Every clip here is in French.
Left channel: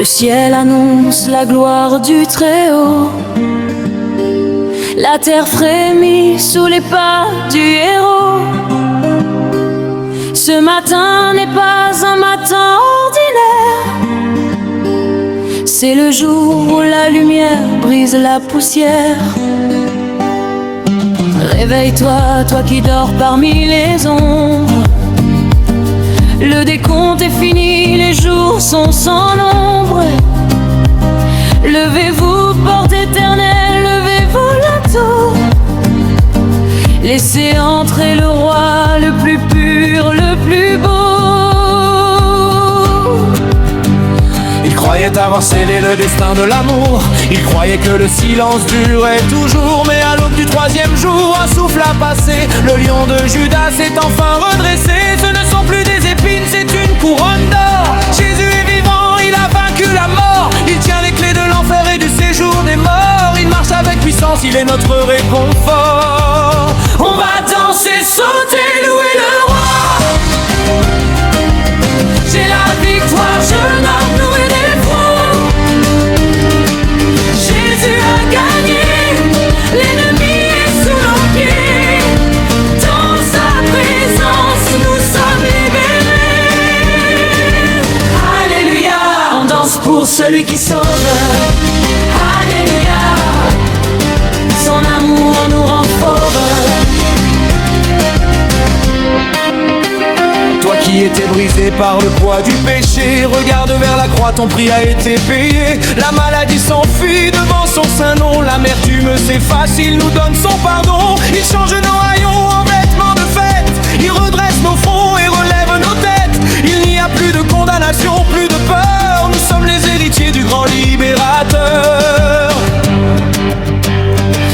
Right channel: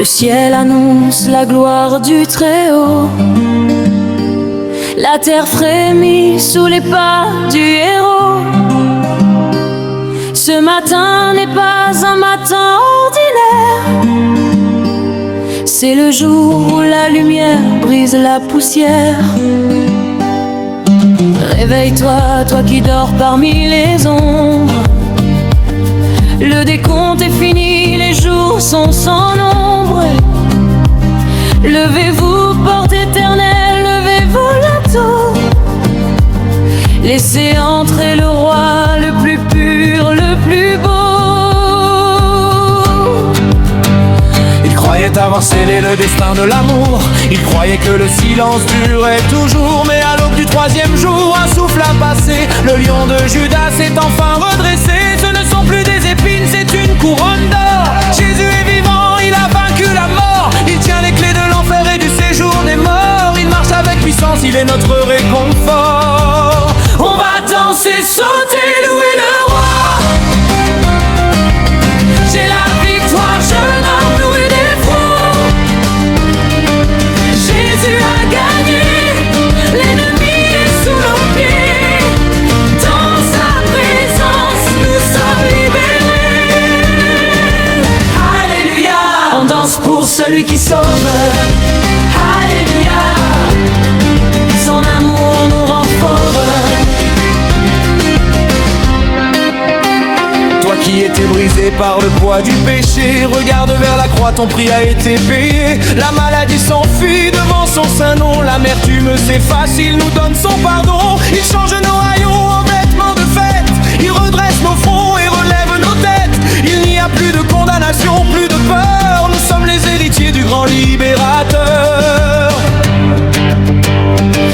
Le ciel annonce la gloire du Très-Haut. La terre frémit sous les pas du héros. Ce matin n'est pas un matin ordinaire. C'est le jour où la lumière brise la poussière. Réveille-toi, toi qui dors parmi les ombres. Le décompte est fini, les jours sont sans nombre. Levez-vous, porte éternelle, levez-vous bientôt. Laissez entrer le roi, le plus pur, le plus beau. Il croyait avoir scellé le destin de l'amour. Il croyait que le silence durait toujours. Mais à l'aube du troisième jour, un souffle a passé. Le lion de Judas s'est enfin redressé. Ce ne sont plus des épines, c'est une couronne d'or. Jésus est vivant, il a vaincu la mort. Il tient les clés de l'enfer et du séjour des morts. Il marche avec puissance, il est notre réconfort. On va danser, sauter, louer le roi. J'ai la victoire, jeune homme doué d'effroi. Jésus a gagné, l'ennemi est sous nos pieds. Dans sa présence, nous sommes libérés. Alléluia. On danse pour celui qui sauve. Alléluia. Son amour nous rend fauves. Toi qui étais brisé par le poids du péché, regarde vers la croix, ton prix a été payé. La maladie s'enfuit devant son saint nom. L'amertume s'efface, il nous donne son pardon. Il change nos haillons en vêtements de fête. Il redresse nos fronts et relève nos têtes. Il n'y a plus de condamnation, plus de peur. Nous sommes les héritiers du grand libérateur.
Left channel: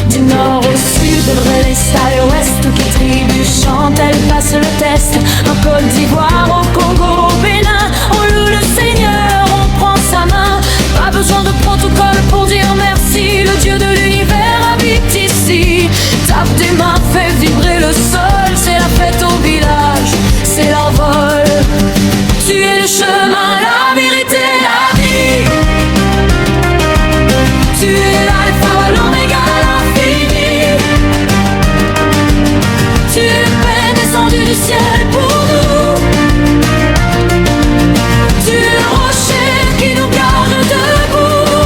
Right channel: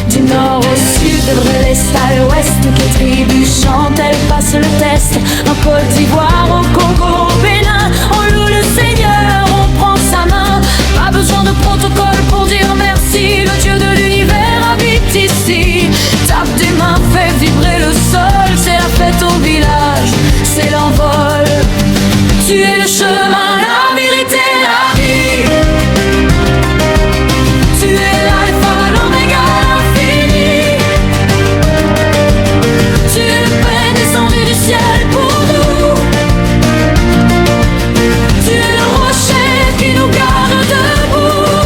Du nord au sud, de l'est à l'ouest, toutes les tribus chantent, elles passent le test. En Côte d'Ivoire, au Congo, au Bénin, on loue le Seigneur, on prend sa main. Pas besoin de protocole pour dire merci. Le Dieu de l'univers habite ici. Tape des mains, fait vibrer le sol. C'est la fête au village, c'est l'envol. Tu es le chemin, la vérité, la vie. Tu es l'alpha, l'oméga, l'infini. Tu es le pain descendu du ciel pour nous. Tu es le rocher qui nous garde debout.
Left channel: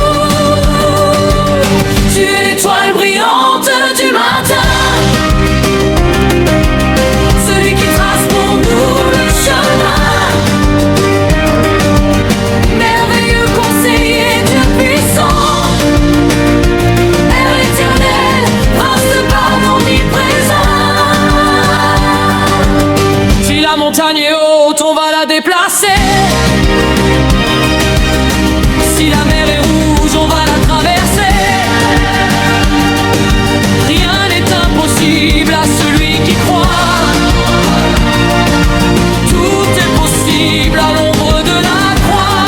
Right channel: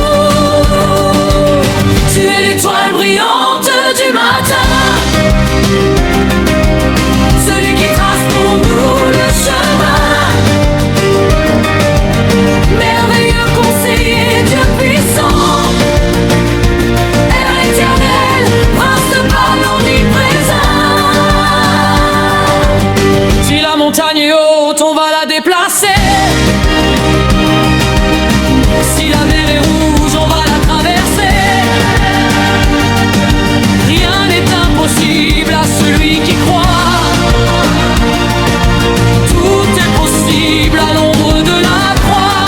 Tu es l'étoile brillante du matin. Celui qui trace pour nous le chemin. Merveilleux conseiller, Dieu puissant. Père éternel, prince de bal omniprésent. Si la montagne est haute, on va la déplacer. Si la mer est rouge, on va la traverser. Rien n'est impossible à celui qui croit. Tout est possible à l'ombre de la croix.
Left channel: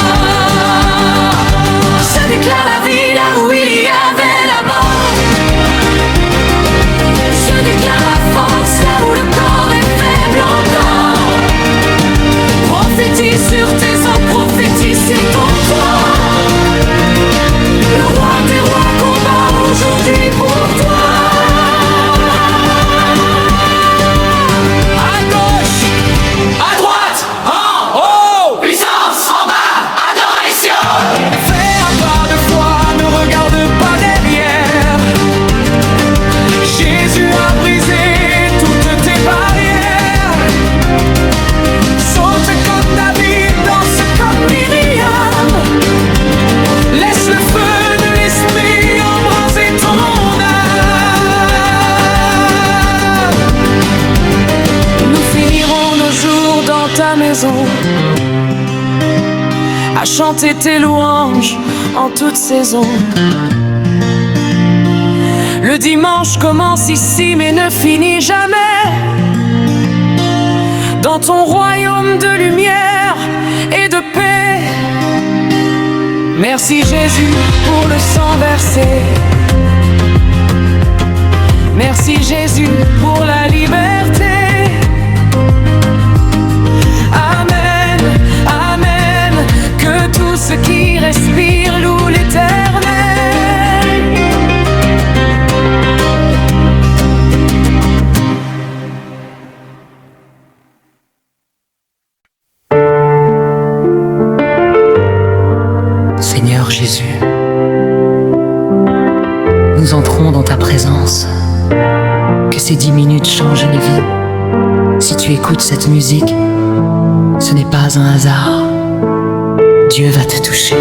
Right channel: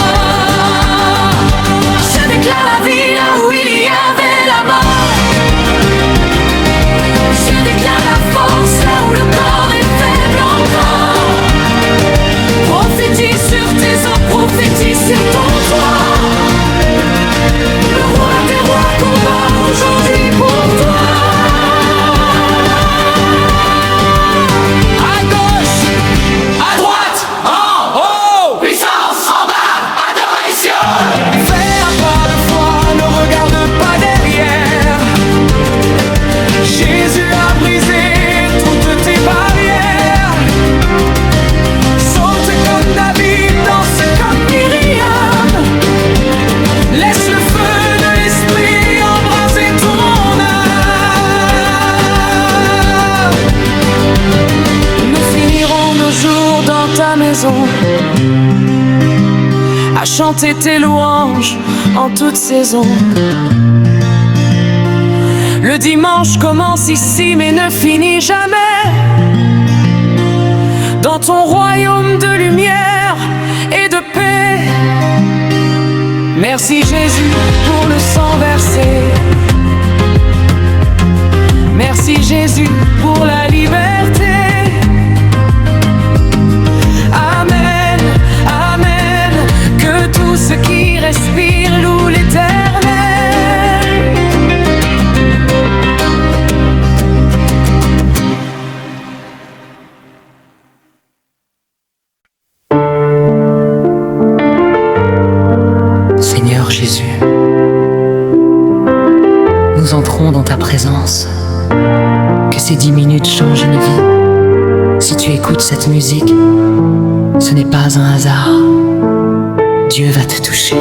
Je déclare la vie là où il y avait la mort. Je déclare la force là où le corps est faible encore. Prophétise sur tes os, prophétise sur ton toit. Le roi des rois combat aujourd'hui pour toi. À gauche, à droite, en haut. Puissance en bas, adoration. Fais un pas de foi, ne regarde pas derrière. Jésus a brisé toutes tes barrières. Saute comme David, danse comme Myriam. Laisse le feu de l'esprit embraser ton âme. Nous finirons nos jours dans ta maison, à chanter tes louanges en toute saison. Le dimanche commence ici mais ne finit jamais. Dans ton royaume de lumière et de paix. Merci Jésus pour le sang versé. Merci Jésus pour la liberté. Amen, amen. Que tout ce qui respire loue l'Éternel. Seigneur Jésus, nous entrons dans ta présence. Que ces 10 minutes changent une vie. Si tu écoutes cette musique, ce n'est pas un hasard. Dieu va te toucher.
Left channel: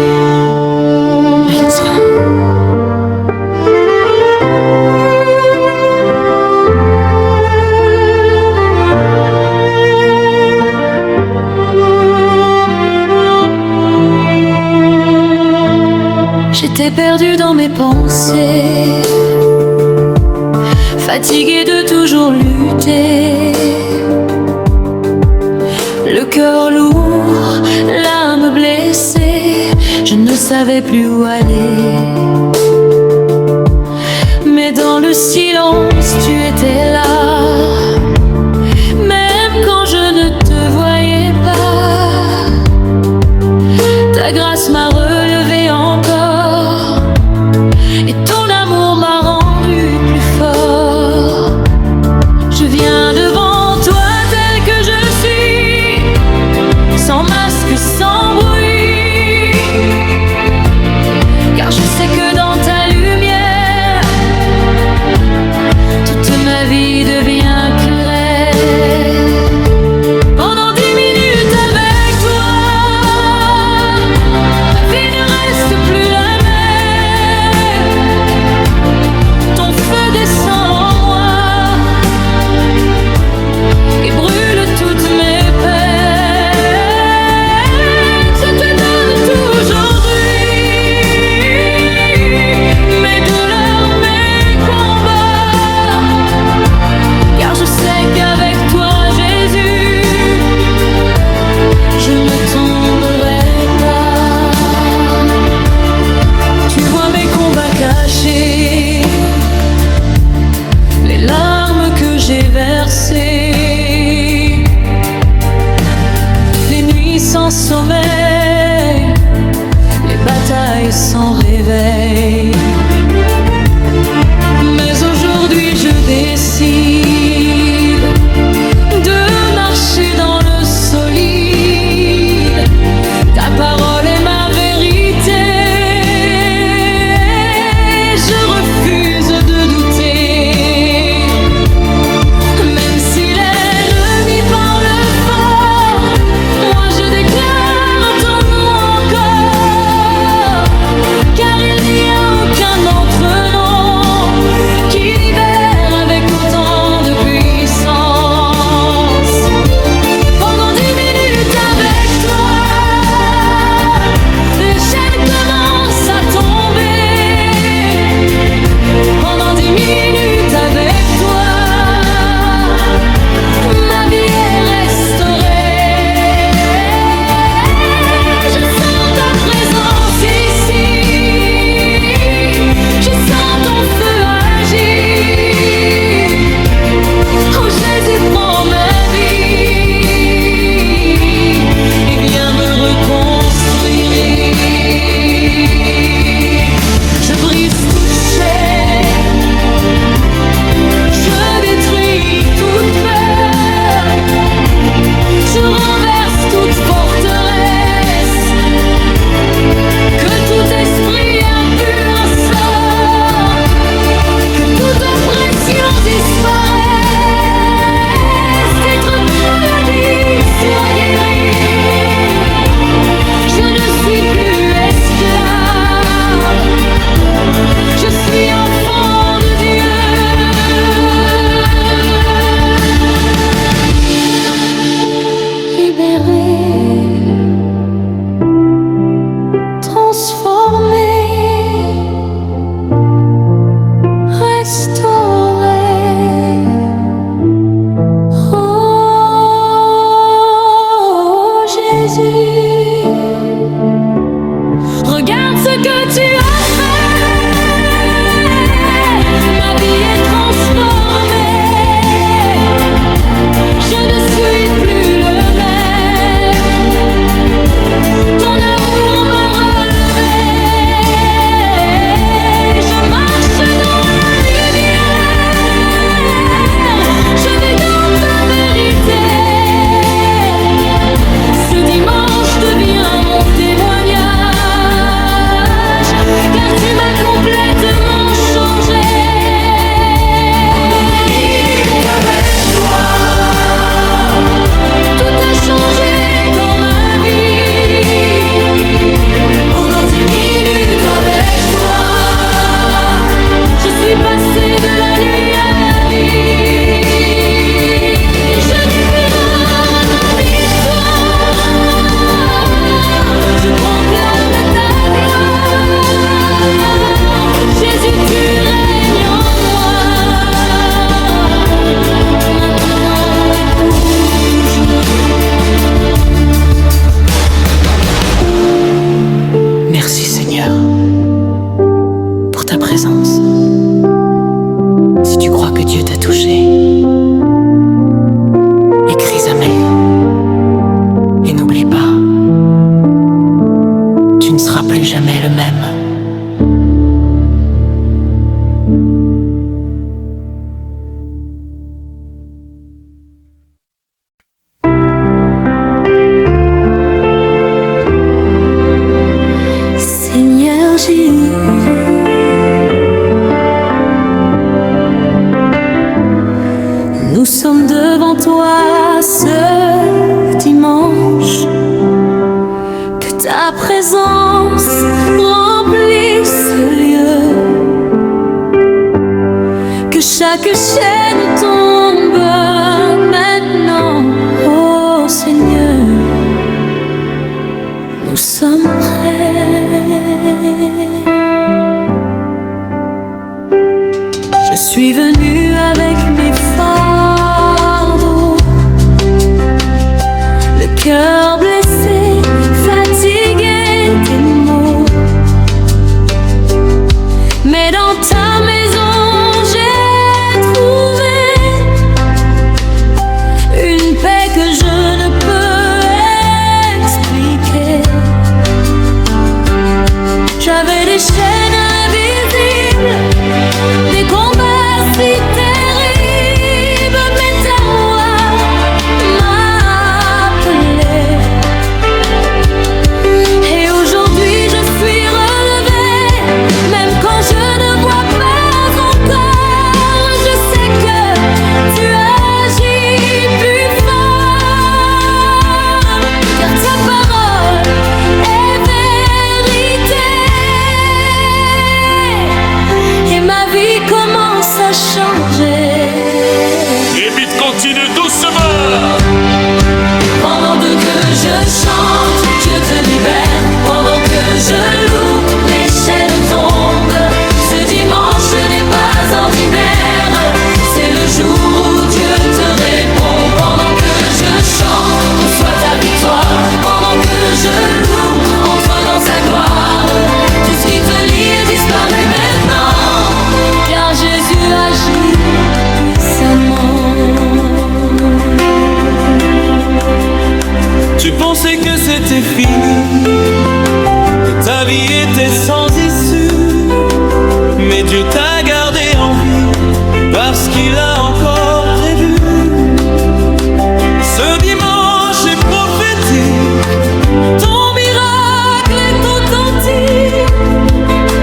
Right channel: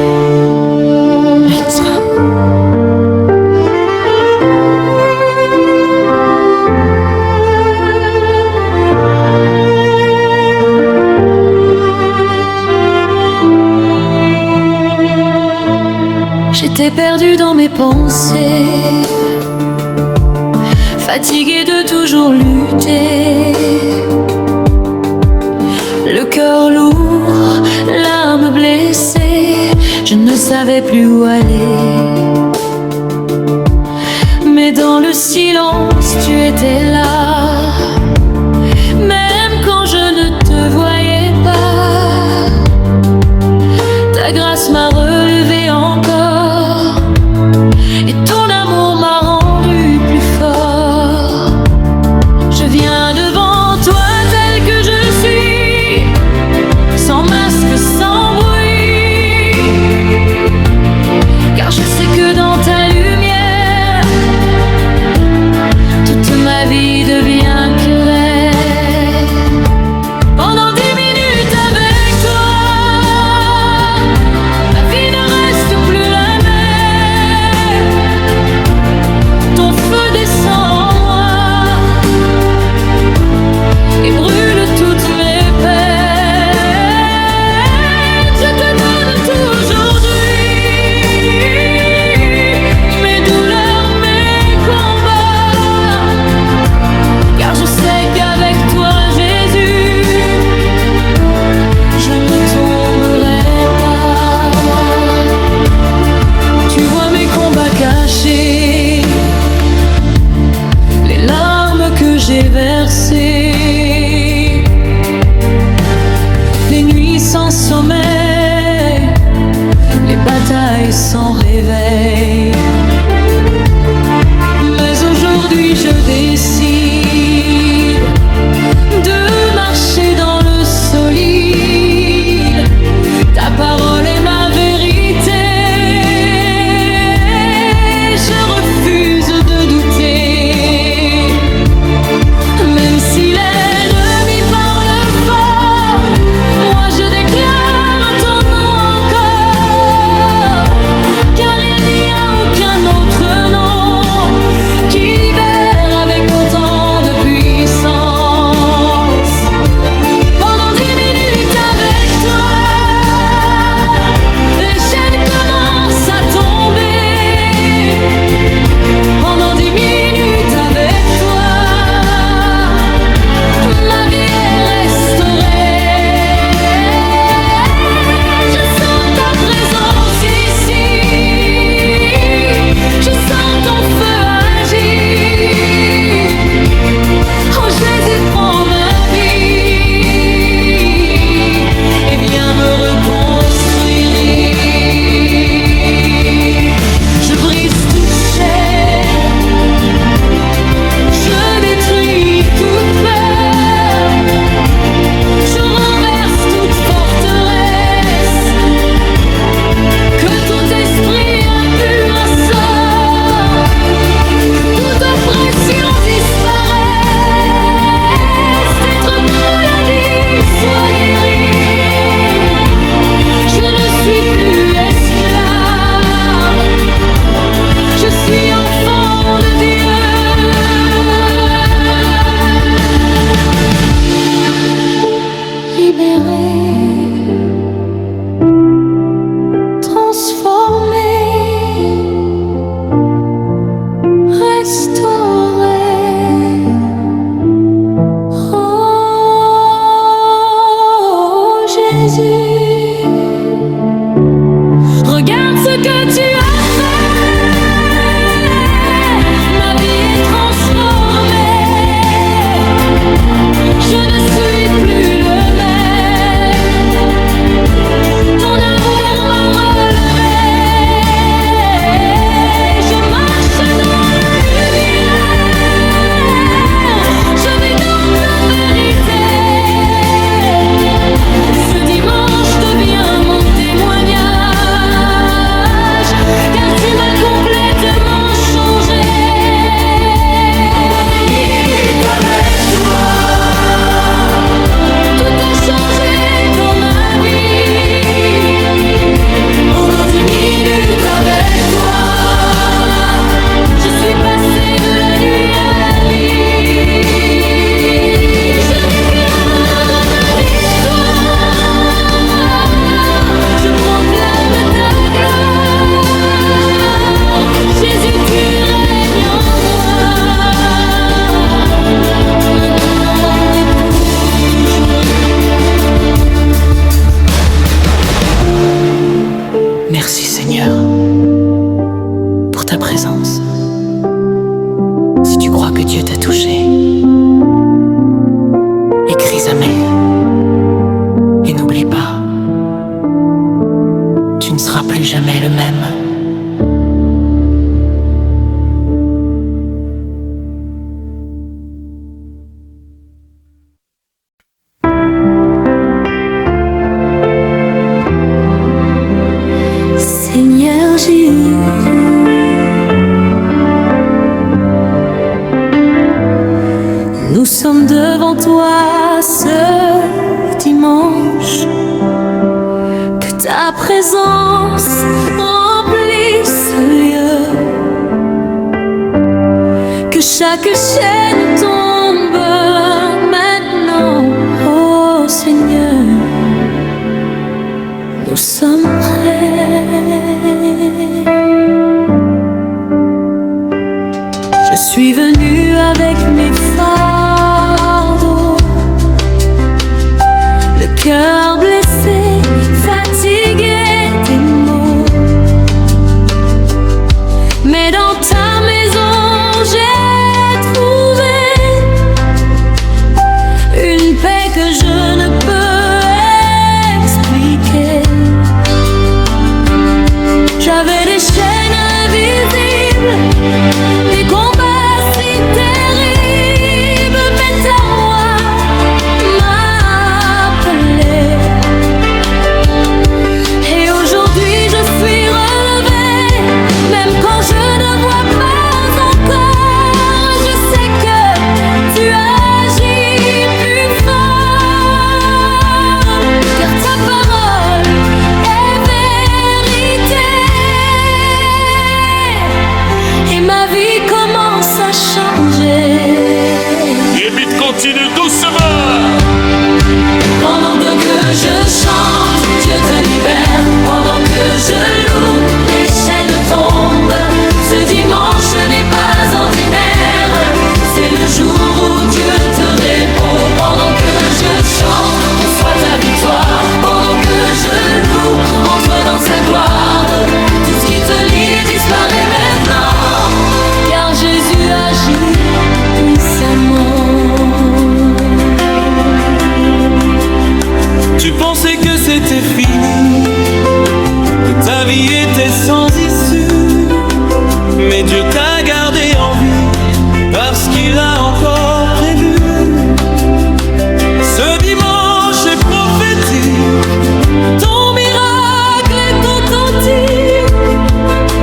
J'étais perdue dans mes pensées, fatiguée de toujours lutter, le cœur lourd, l'âme blessée, je ne savais plus où aller. Mais dans le silence, tu étais là, même quand je ne te voyais pas. Ta grâce m'a relevé encore, et ton amour m'a rendu plus fort. Je viens devant toi tel que je suis, sans masque, sans bruit, car je sais que dans ta lumière, toute ma vie devient claire. Pendant 10 minutes avec toi, ma vie ne reste plus la même. Ton feu descend en moi et brûle toutes mes peines. Je te donne tout aujourd'hui, mes douleurs, mes combats, car je sais qu'avec toi, Jésus, je ne tomberai pas. Tu vois mes combats cachés, les larmes que j'ai versées, les nuits sans sommeil, les batailles sans réveil. Mais aujourd'hui je décide de marcher dans le solide. Ta parole est ma vérité, je refuse de douter. Même si l'ennemi parle fort, moi je déclare ton nom encore, car il n'y a aucun autre nom qui libère avec autant de puissance. Pendant 10 minutes avec toi, les chaînes commencent à tomber. Pendant 10 minutes avec toi, ma vie est restaurée. Je sens ta présence ici, je sens ton feu agir. Oh Jésus, prends ma vie et viens me reconstruire. Je brise toute chaîne, je détruis toute peur, je renverse toute forteresse, que tout esprit impur sorte, que toute oppression disparaisse, toute maladie soit guérie. Je ne suis plus esclave, je suis enfant de Dieu. Libéré, transformé, restauré. Oh Jésus, regarde ce que tu as fait, ma vie est transformée, je ne suis plus le même. Ton amour m'a ta présence. Si tu crois que Dieu t'a touché, écris Amen. Et n'oublie pas, tu ne seras plus jamais le même. Seigneur Jésus, nous sommes devant toi ce dimanche. Que ta présence remplisse ce lieu, que chaque chaîne tombe maintenant, oh Seigneur. Nous sommes prêts. Je suis venu avec mes fardeaux, le cœur blessé, fatigué des maux. Mais dans ta maison, j'ai trouvé une paix que je ne peux expliquer. J'avais des chaînes invisibles, des combats si terribles, mais ta voix m'a appelé. Et aujourd'hui je suis relevée, même quand je ne vois pas encore. Je sais que tu agis plus fort, car ta parole est vérité. Et ma vie commence à changer. Et vite continue doucement. Pendant que je chante, Dieu te libère. Pendant que je loue, les chaînes tombent. Ce dimanche n'est pas ordinaire, c'est le jour où Dieu te répond. Pendant que je chante, reçois ta victoire. Pendant que je loue, entre dans sa gloire. Tout ce qui te lie disparaît maintenant, car Jésus agit puissamment. Tu pensais que c'était fini, que ta vie était sans issue, mais Dieu t'a gardé en vie parce qu'il a encore prévu. Ce dimanche est prophétique, ton miracle est authentique.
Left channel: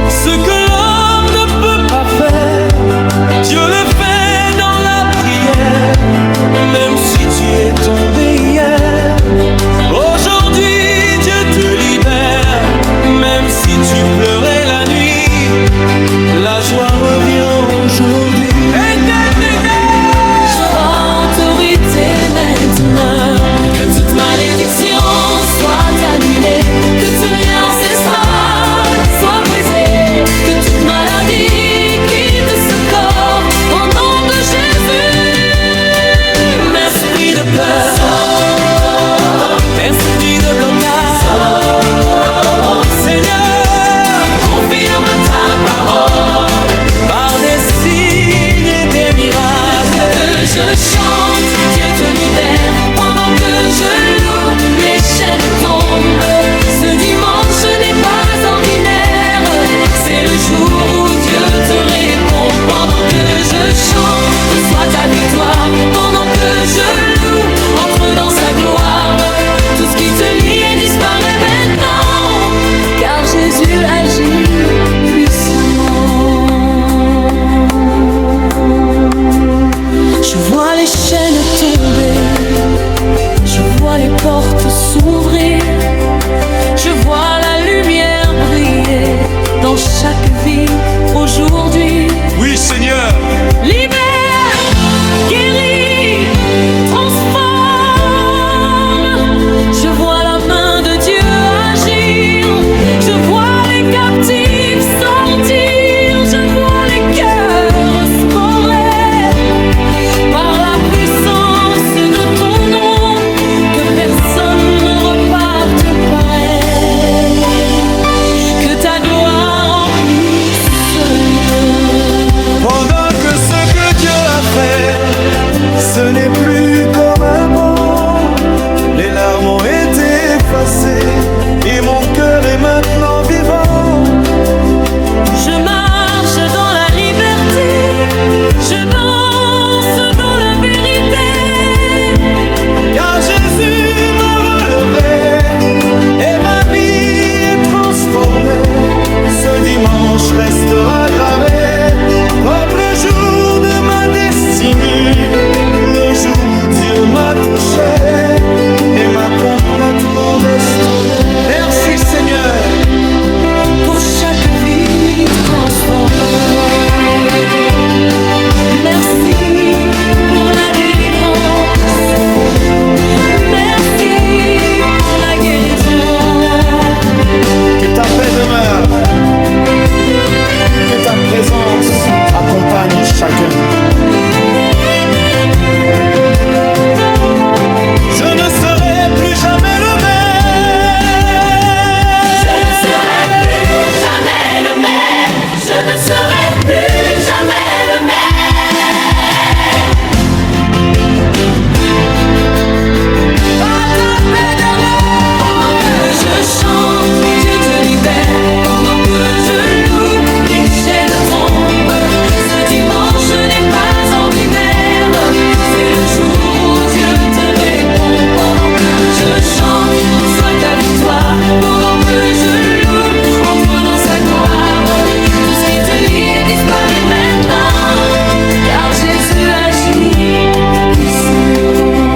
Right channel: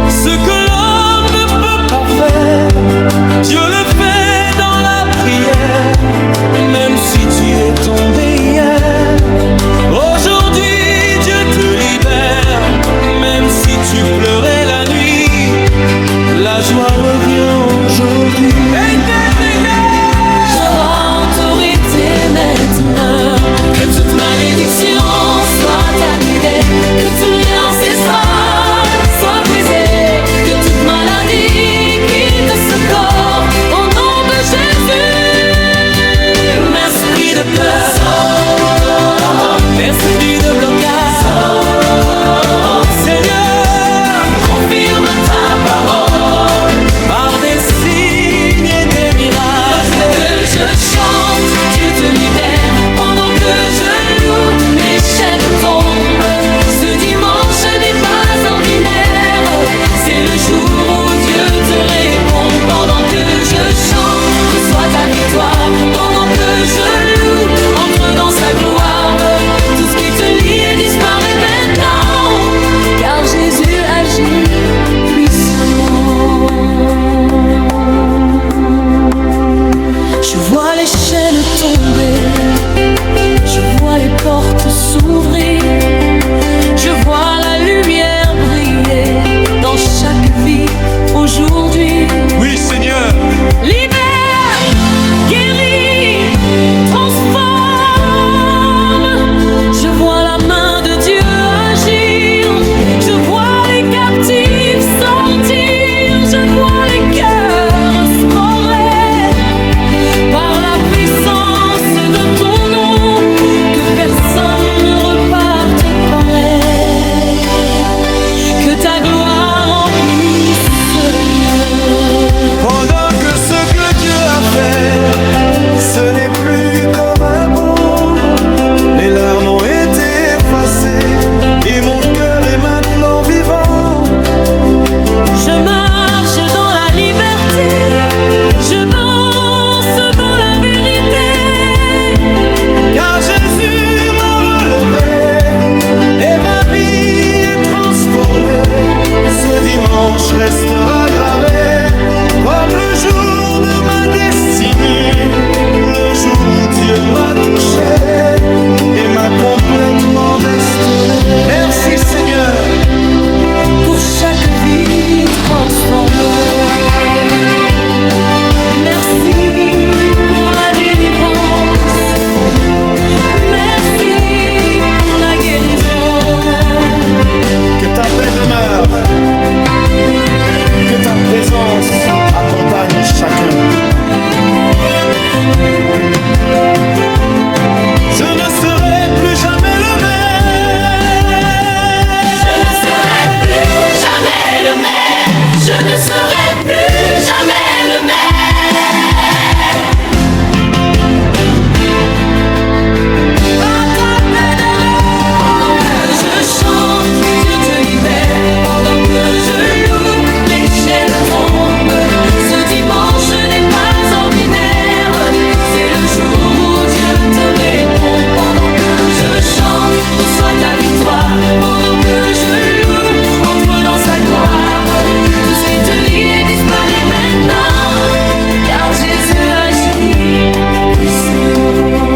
Ce que l'homme ne peut pas faire, Dieu le fait dans la prière. Même si tu es tombé hier, aujourd'hui Dieu te libère. Même si tu pleurais la nuit, la joie revient aujourd'hui. Je rends autorité maintenant, que toute malédiction soit annulée, que tout lien ancestral soit brisé, que toute maladie quitte ce corps, au nom de Jésus. M'esprit de peur, Esprit de blocage, Seigneur, confirme ta parole par des signes et des miracles. Que je chante, Dieu te libère. Pendant que je loue, les chaînes tombent. Ce dimanche n'est pas ordinaire, c'est le jour où Dieu te répond. Pendant que je chante, reçois ta victoire. Pendant que je loue, entre dans sa gloire. Tout ce qui te lie disparaît maintenant, car Jésus agit puissamment. Je vois les chaînes tomber, je vois les portes s'ouvrir, je vois la lumière briller dans chaque vie aujourd'hui. Oui, Seigneur. Libère, guéris, transforme. Je vois la main de Dieu agir, je vois les captifs sortir, je vois les cœurs restaurés par la puissance de ton nom. Que personne ne reparte pareil, que ta gloire remplisse ce Pendant que ce que Dieu a fait, ce n'est plus comme avant. Les larmes ont été effacées et mon cœur est maintenant vivant. Je marche dans la liberté, je danse dans la vérité, car Jésus m'a relevé et ma vie est transformée. Ce dimanche restera gravé comme le jour de ma destinée, le jour où Dieu m'a touché et m'a complètement bestonné. Merci Seigneur pour chaque vie transformée. Merci pour la délivrance, merci pour la guérison. Que ta paix demeure, que ta présence accompagne chacun. Je ne serai plus jamais le même. Je ne serai plus jamais le même. Par ta paix demeure. Pendant que je chante, Dieu te libère. Pendant que je loue, les chaînes tombent. Ce dimanche n'est pas ordinaire, c'est le jour où Dieu te répond. Pendant que je chante, reçois ta victoire. Pendant que je loue, entre dans sa gloire. Tout ce qui te lie disparaît maintenant, car Jésus agit puissamment.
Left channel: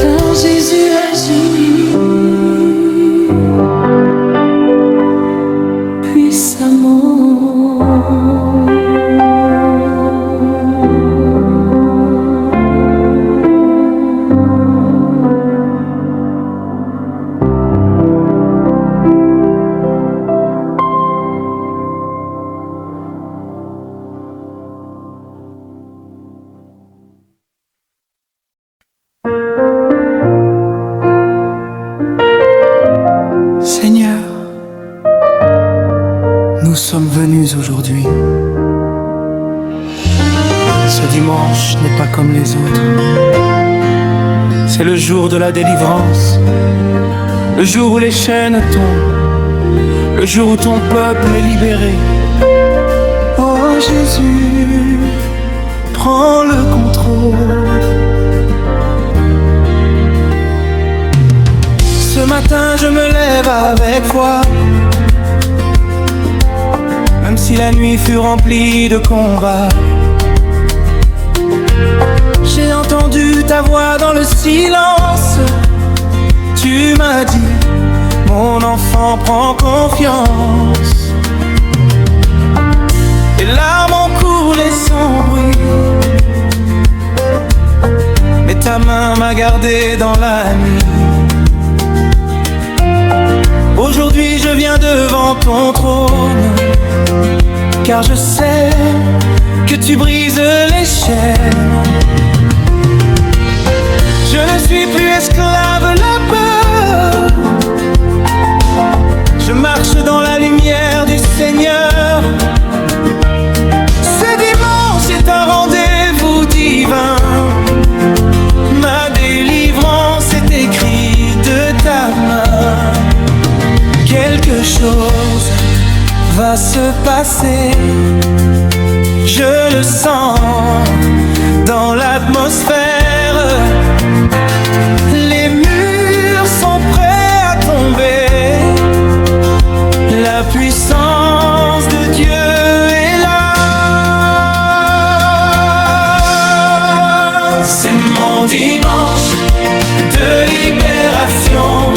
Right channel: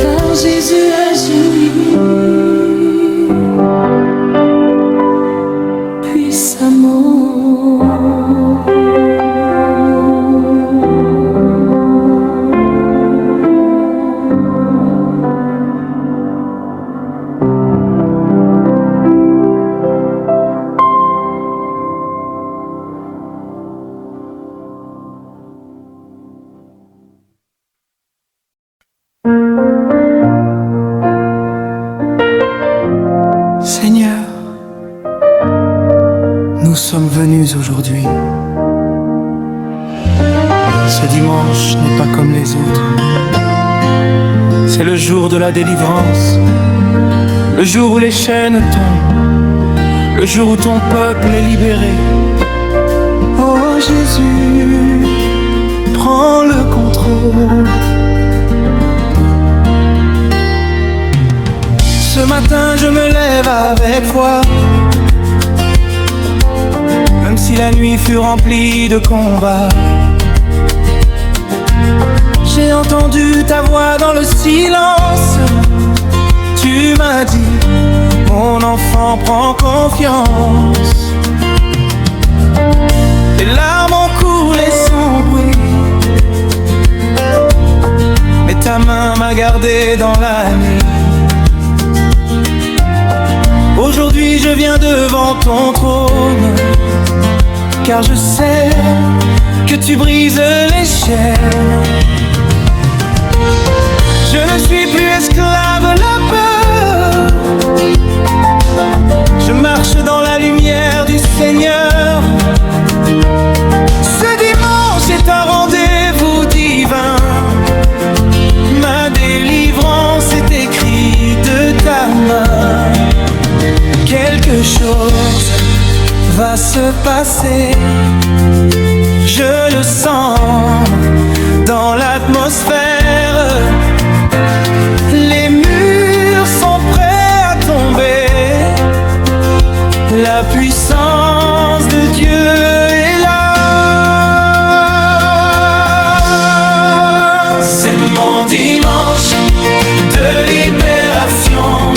Car Jésus agit puissamment. Seigneur, nous sommes venus aujourd'hui. Ce dimanche n'est pas comme les autres. C'est le jour de la délivrance, le jour où les chaînes tombent, le jour où ton peuple est libéré. Oh Jésus, prends le contrôle. Ce matin je me lève avec foi, même si la nuit fut remplie de combats. J'ai entendu ta voix dans le silence. Tu m'as dit, mon enfant, prends confiance. Les larmes ont coulé sans bruit, mais ta main m'a gardé dans la nuit. Aujourd'hui je viens devant ton trône, car je sais que tu brises les chaînes. Je ne suis plus esclave de la peur, je marche dans la lumière du Seigneur. Ce dimanche est un rendez-vous divin, ma délivrance est écrite de ta main. Quelque chose va se passer, je le sens dans l'atmosphère. Les murs sont prêts à tomber, la puissance de Dieu est là. C'est mon dimanche de libération,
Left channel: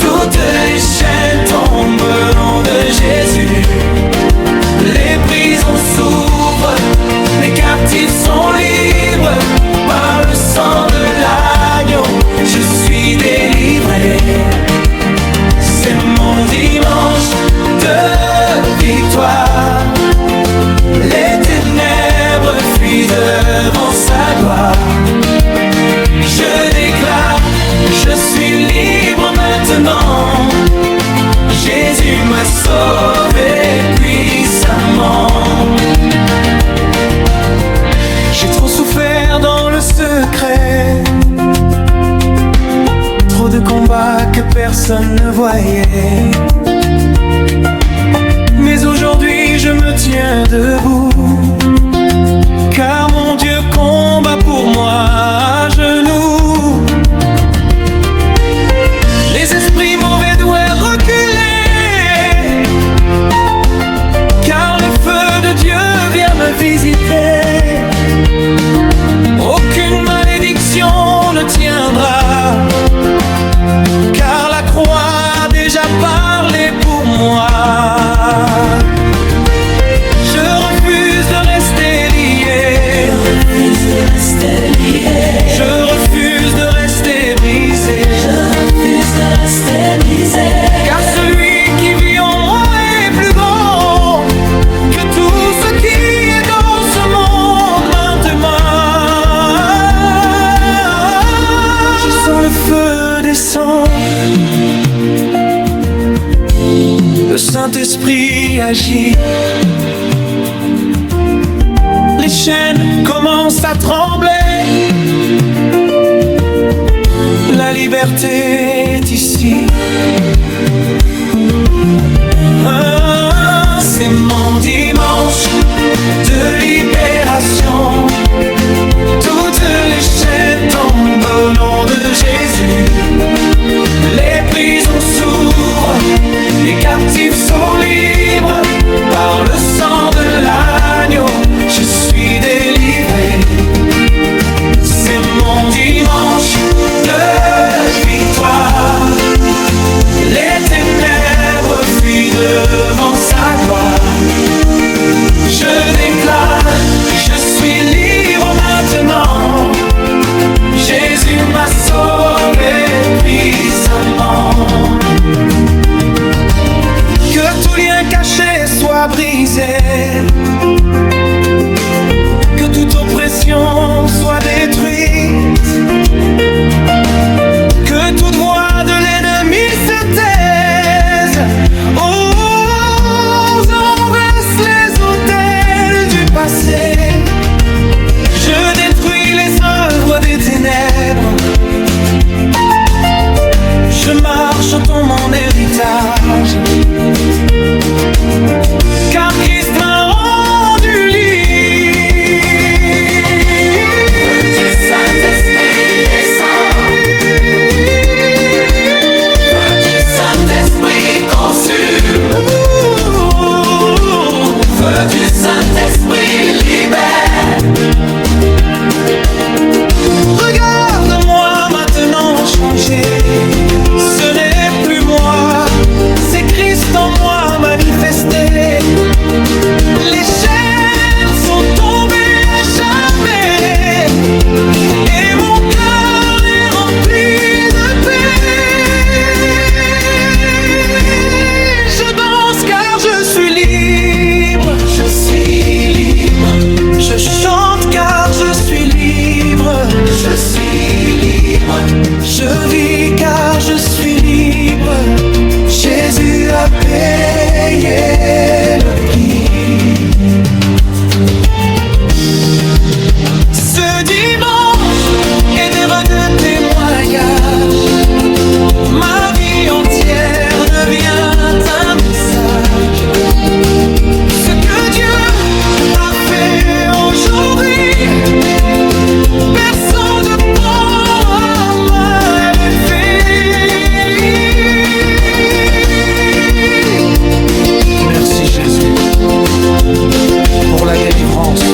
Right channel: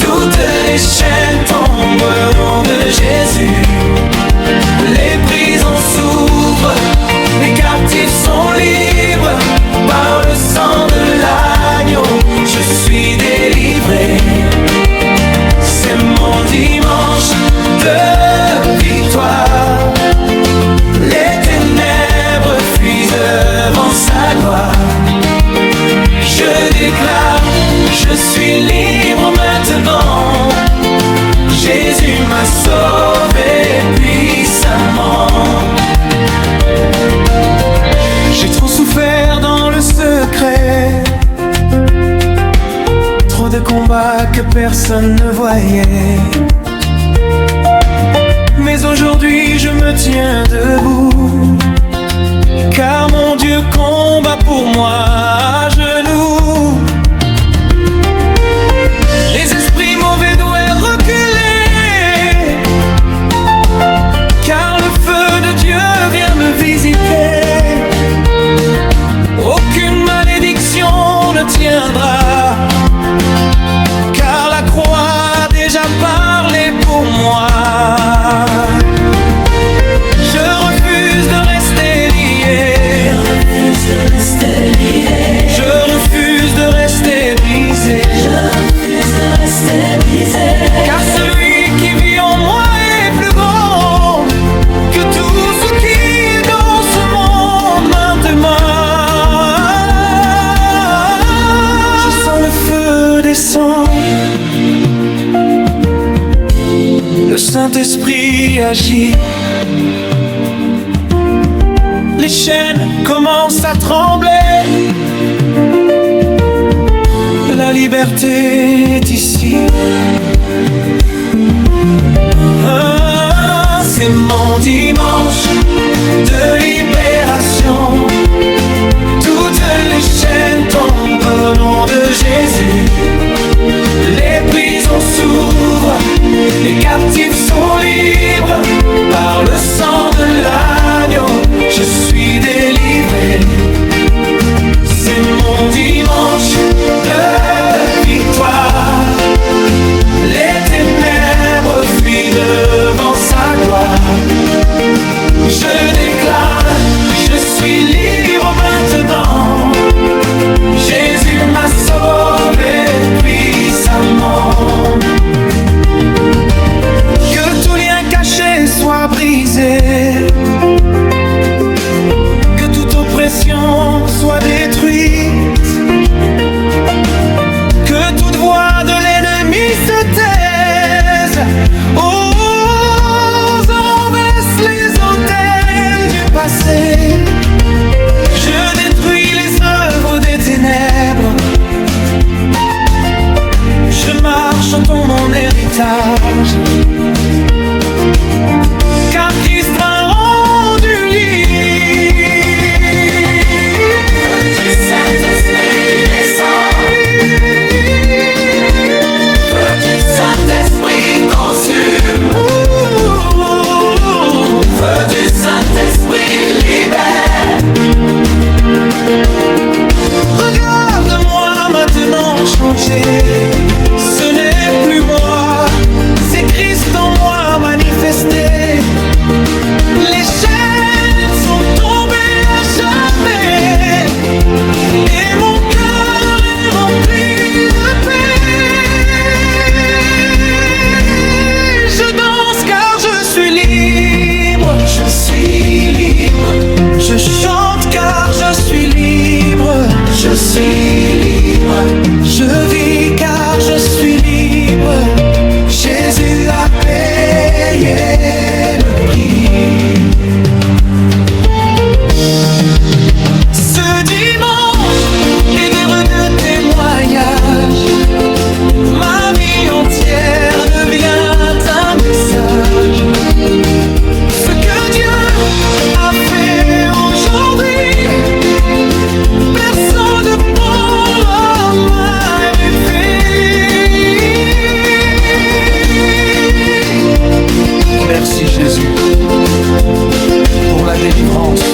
toutes les chaînes tombent au nom de Jésus. Les prisons s'ouvrent, les captifs sont libres. Par le sang de l'agneau, je suis délivré. C'est mon dimanche de combats que personne ne voyait. Mais aujourd'hui je me tiens debout, car mon Dieu combat pour moi à genoux. Les esprits mauvais doivent reculer, car le feu de Dieu vient me visiter. Aucune malédiction ne tiendra, car la croix a déjà parlé pour moi. Je refuse de rester lié, je refuse de rester brisé, car celui qui vit en moi est plus grand que tout ce qui est dans ce monde maintenant. Je sens le feu descendre, le Saint-Esprit agit. Les chaînes commencent à trembler, la liberté est ici. Ah, c'est mon dimanche de libération. Toutes les chaînes tombent au nom de Jésus. Les prisons s'ouvrent, les captifs sont libres. Par le sang de l'agneau, je suis délivré. C'est mon dimanche de victoire. Les ténèbres fuient devant sa gloire. Je déclare, je suis libre maintenant. Jésus m'a sauvé puissamment. Que tout lien caché soit brisé, que toute oppression soit détruite, que toute voix de l'ennemi se taise. Oh, on baisse les autels du passé. Je détruis les œuvres des ténèbres. Je marche en mon héritage, car Christ m'a rendu libre. Feu du Saint-Esprit descend, feu du Saint-Esprit consume, feu du Saint-Esprit libère. Regarde-moi maintenant changer. Ce n'est plus moi, c'est Christ en moi manifesté. Les chaînes sont tombées à jamais, et mon cœur est rempli de paix. Je danse car je suis libre, je suis libre. Je chante car je suis libre, je suis libre. Je vis car je suis libre. Jésus a payé le prix. Ce dimanche est d'heure de témoignage. Ma vie entière devient un message. Ce que Dieu a fait aujourd'hui, personne ne pourra m'arrêter. Merci Jésus pour la délivrance,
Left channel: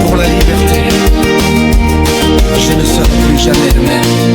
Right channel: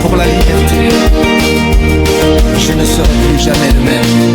pour la liberté. Je ne serai plus jamais le même.